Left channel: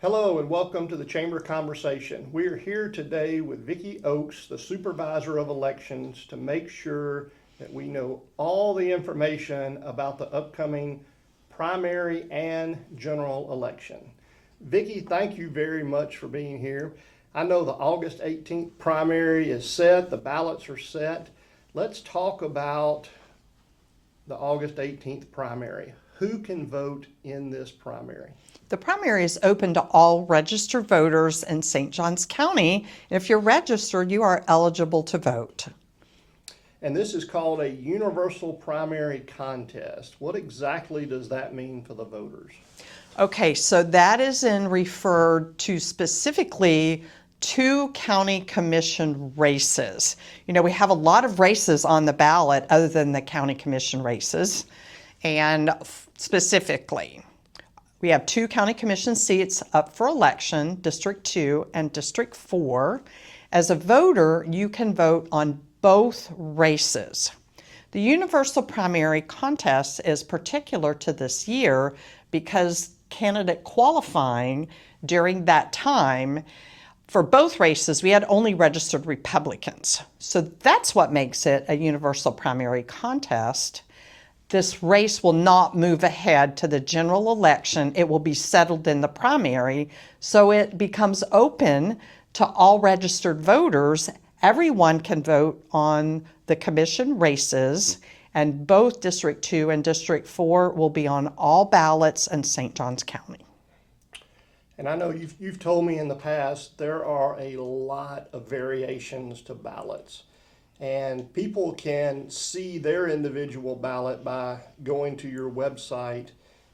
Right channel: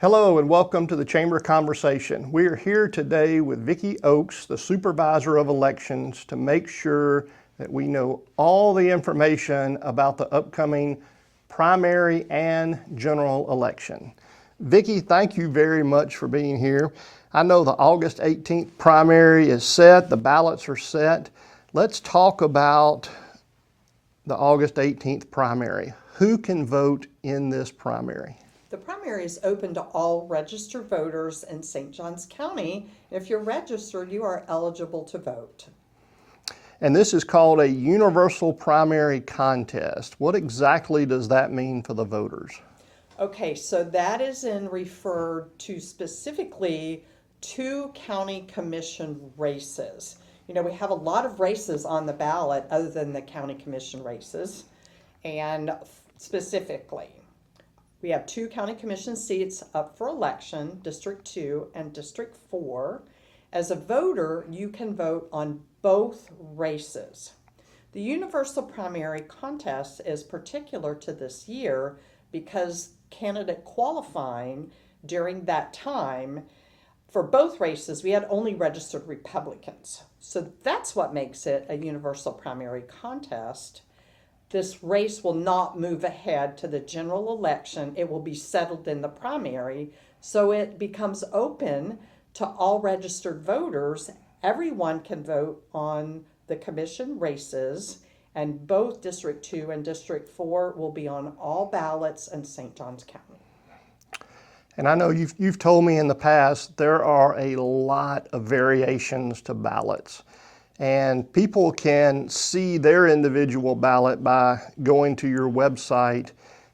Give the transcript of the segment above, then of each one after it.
Hello and welcome to the Chamber Conversation. We are here today with Vicky Oakes, the Supervisor of Elections, to make sure that we know all the information about the upcoming primary and general election. Vicky, thank you very much for being here. I know the August 18th primary is set, the ballots are set. Let's talk about the August 18th primary. Who can vote in this primary? The primary is open to all registered voters in St. Johns County. If you're registered, you are eligible to vote. And this is called a universal primary contest. What exactly does that mean for the voters? Okay, so that is referred to specifically two county commission races. You know, we have a lot of races on the ballot other than the county commission races. And specifically, we have two county commission seats up for election, District 2 and District 4. As a voter, you can vote on both races. The universal primary contest is particular to this year because candidate qualifying during that time for both races, we had only registered Republicans. So that's what makes it a universal primary contest. This race will not move ahead to the general election. It will be settled in the primary, so it becomes open to all registered voters. Everyone can vote on the commission races, and both District 2 and District 4 will be on all ballots in St. Johns County. And I know you've told me in the past there are a lot of variations to ballots. And people can see their individual ballot by going to your website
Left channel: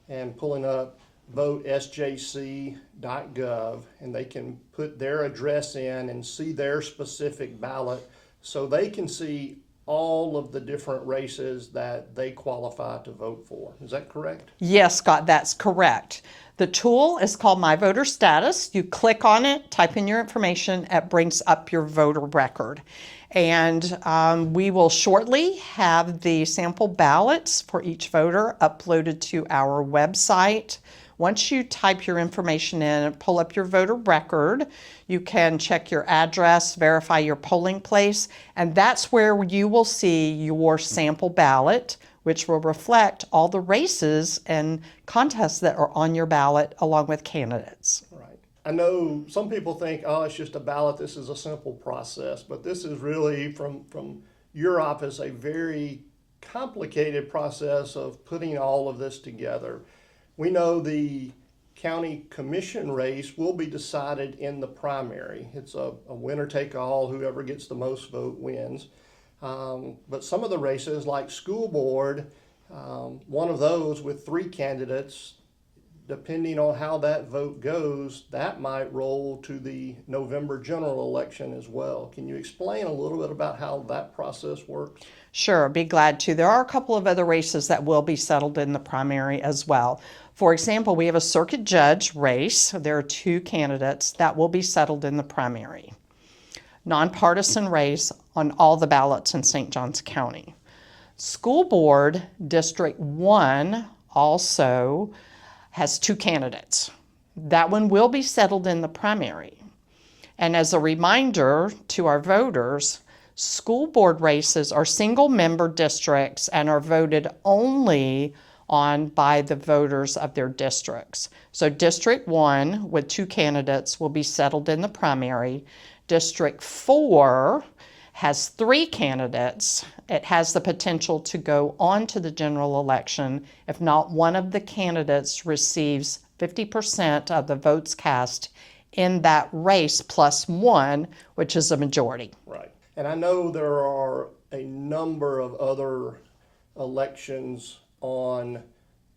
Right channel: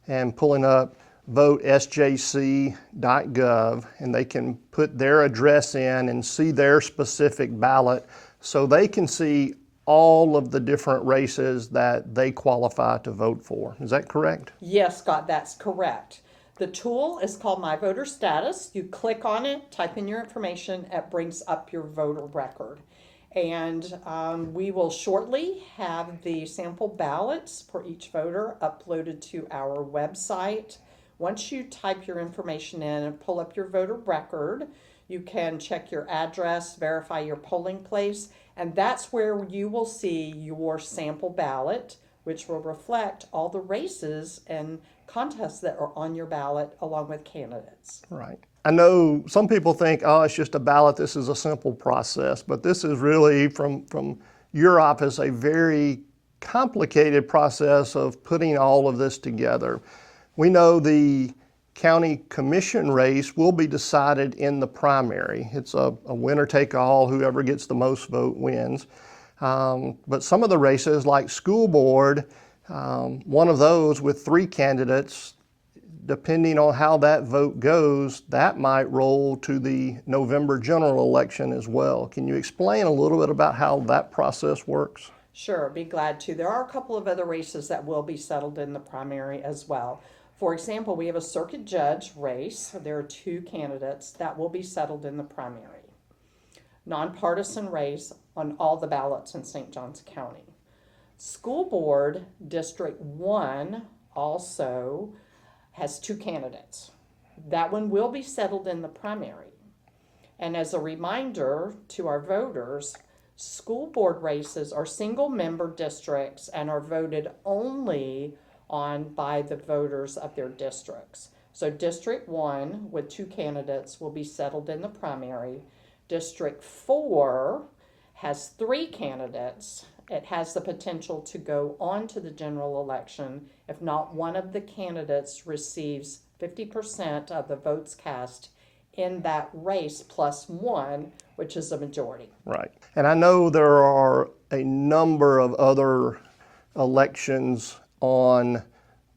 and pulling up votesjc.gov, and they can put their address in and see their specific ballot so they can see all of the different races that they qualify to vote for. Is that correct? Yes, Scott, that's correct. The tool is called My Voter Status. You click on it, type in your information, it brings up your voter record. And we will shortly have the sample ballots for each voter uploaded to our website. Once you type your information in and pull up your voter record, you can check your address, verify your polling place, and that's where you will see your sample ballot, which will reflect all the races and contests that are on your ballot along with candidates. Right. I know some people think, oh, it's just a ballot, this is a simple process, but this is really, from your office, a very complicated process of putting all of this together. We know the county commission race will be decided in the primary. It's a winner-take-all, whoever gets the most vote wins. But some of the races, like school board, one of those with 3 candidates, depending on how that vote goes, that might roll to the November general election as well. Can you explain a little bit about how that process works? Sure, I'd be glad to. There are a couple of other races that will be settled in the primary as well. For example, we have a circuit judge race. There are 2 candidates that will be settled in the primary. Nonpartisan race on all the ballots in St. Johns County. School board District 1 also has 2 candidates. That one will be settled in the primary. And as a reminder to our voters, school board races are single member districts and are voted only on by the voters of their districts. So District 1 with 2 candidates will be settled in the primary. District 4 has 3 candidates. It has the potential to go on to the general election if not one of the candidates receives 50% of the votes cast in that race plus 1, which is a majority. Right. And I know there are a number of other elections on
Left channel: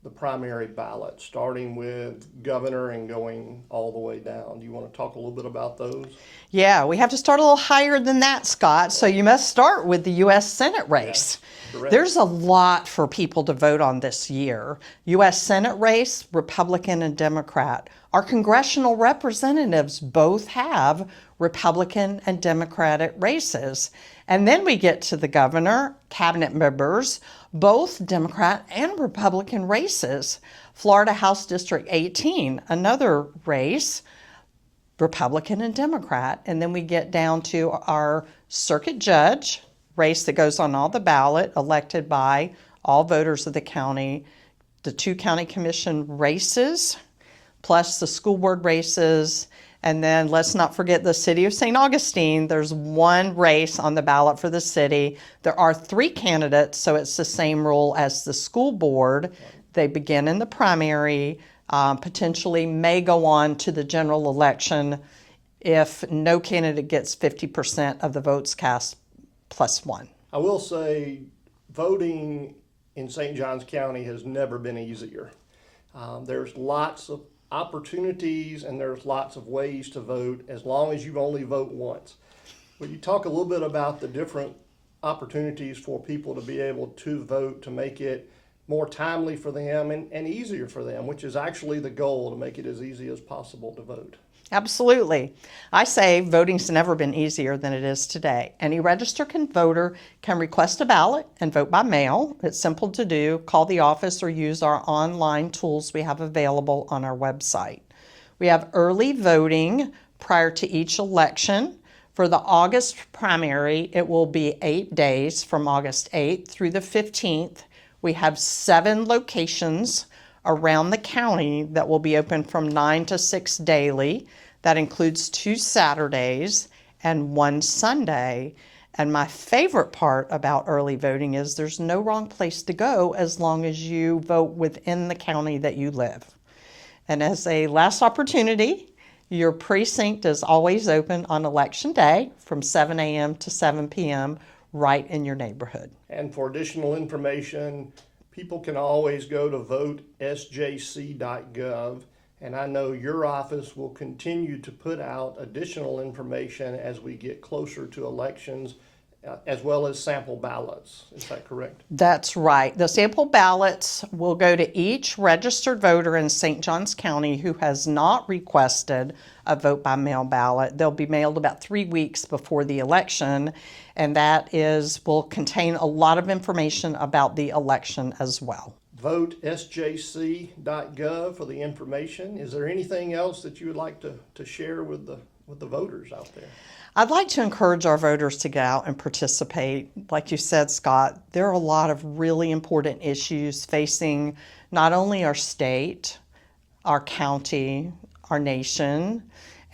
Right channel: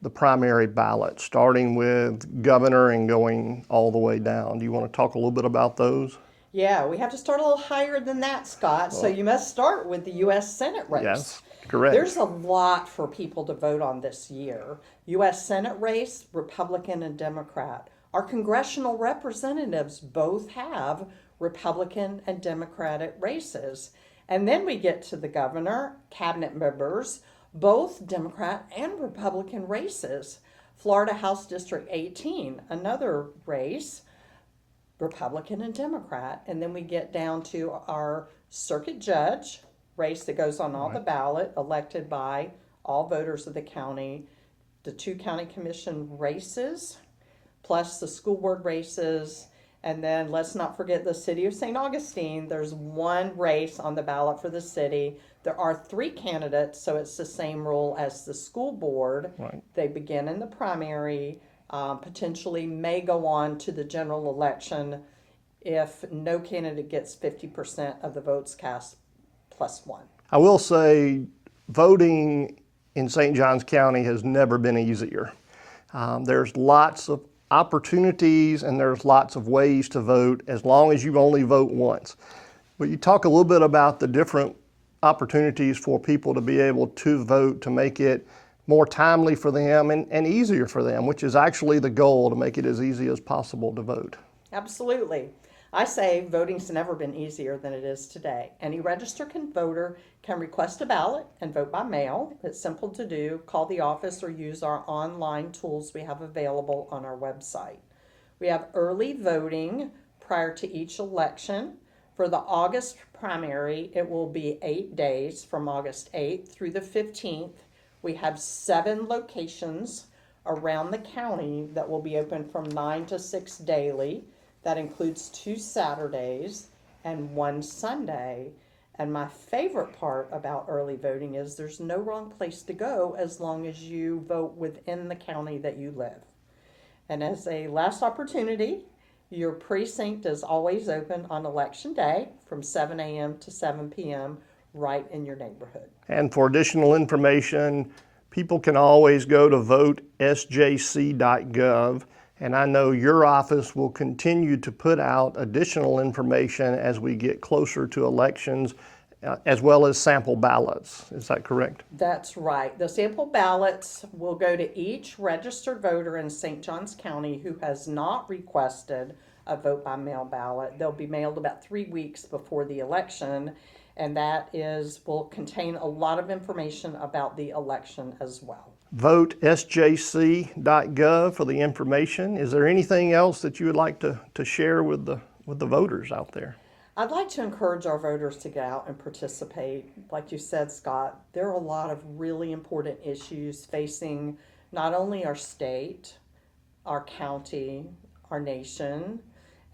the primary ballot, starting with governor and going all the way down. Do you want to talk a little bit about those? Yeah, we have to start a little higher than that, Scott. So you must start with the U.S. Senate race. Yes, correct. There's a lot for people to vote on this year. U.S. Senate race, Republican and Democrat. Our congressional representatives both have Republican and Democratic races. And then we get to the governor, cabinet members. both Democrat and Republican races. Florida House District 18, another race, Republican and Democrat. And then we get down to our circuit judge race that goes on all the ballot, elected by all voters of the county, the 2 county commission races, plus the school board races. And then let's not forget the city of St. Augustine. There's 1 race on the ballot for the city. There are 3 candidates, so it's the same rule as the school board. Right. They begin in the primary, potentially may go on to the general election if no candidate gets 50% of the votes cast plus 1. I will say voting in St. Johns County has never been easier. There's lots of opportunities and there's lots of ways to vote as long as you only vote once. But you talk a little bit about the different opportunities for people to be able to vote, to make it more timely for them and easier for them, which is actually the goal, to make it as easy as possible to vote. Absolutely. I say voting's never been easier than it is today. Any registered voter can request a ballot and vote by mail. It's simple to do. Call the office or use our online tools we have available on our website. We have early voting prior to each election. For the August primary, it will be 8 days from August 8th through the 15th. We have 7 locations around the county that will be open from 9 to 6 daily. That includes 2 Saturdays and 1 Sunday. And my favorite part about early voting is there's no wrong place to go as long as you vote within the county that you live. And as a last opportunity, your precinct is always open on election day from 7 a.m. to 7 p.m. right in your neighborhood. And for additional information, people can always go to votesjc.gov. And I know your office will continue to put out additional information as we get closer to elections, as well as sample ballots. Is that correct? That's right. The sample ballots will go to each registered voter in St. Johns County who has not requested a vote by mail ballot. They'll be mailed about 3 weeks before the election, and that will contain a lot of information about the election as well. VoteSJC.gov for the information. Is there anything else that you would like to share with the voters out there? I'd like to encourage our voters to get out and participate. Like you said, Scott, there are a lot of really important issues facing not only our state, our county, our nation,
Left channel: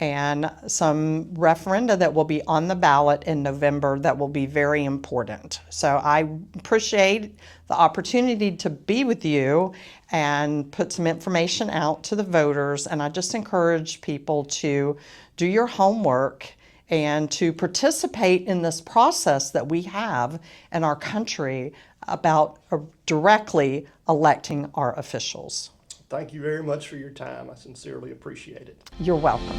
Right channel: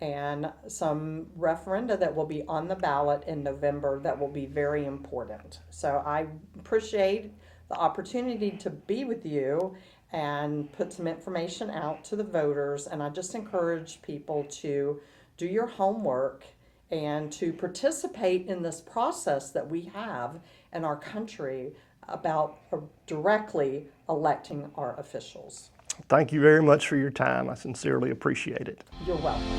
and some referenda that will be on the ballot in November that will be very important. So I appreciate the opportunity to be with you and put some information out to the voters. And I just encourage people to do your homework and to participate in this process that we have in our country about directly electing our officials. Thank you very much for your time. I sincerely appreciate it. You're welcome.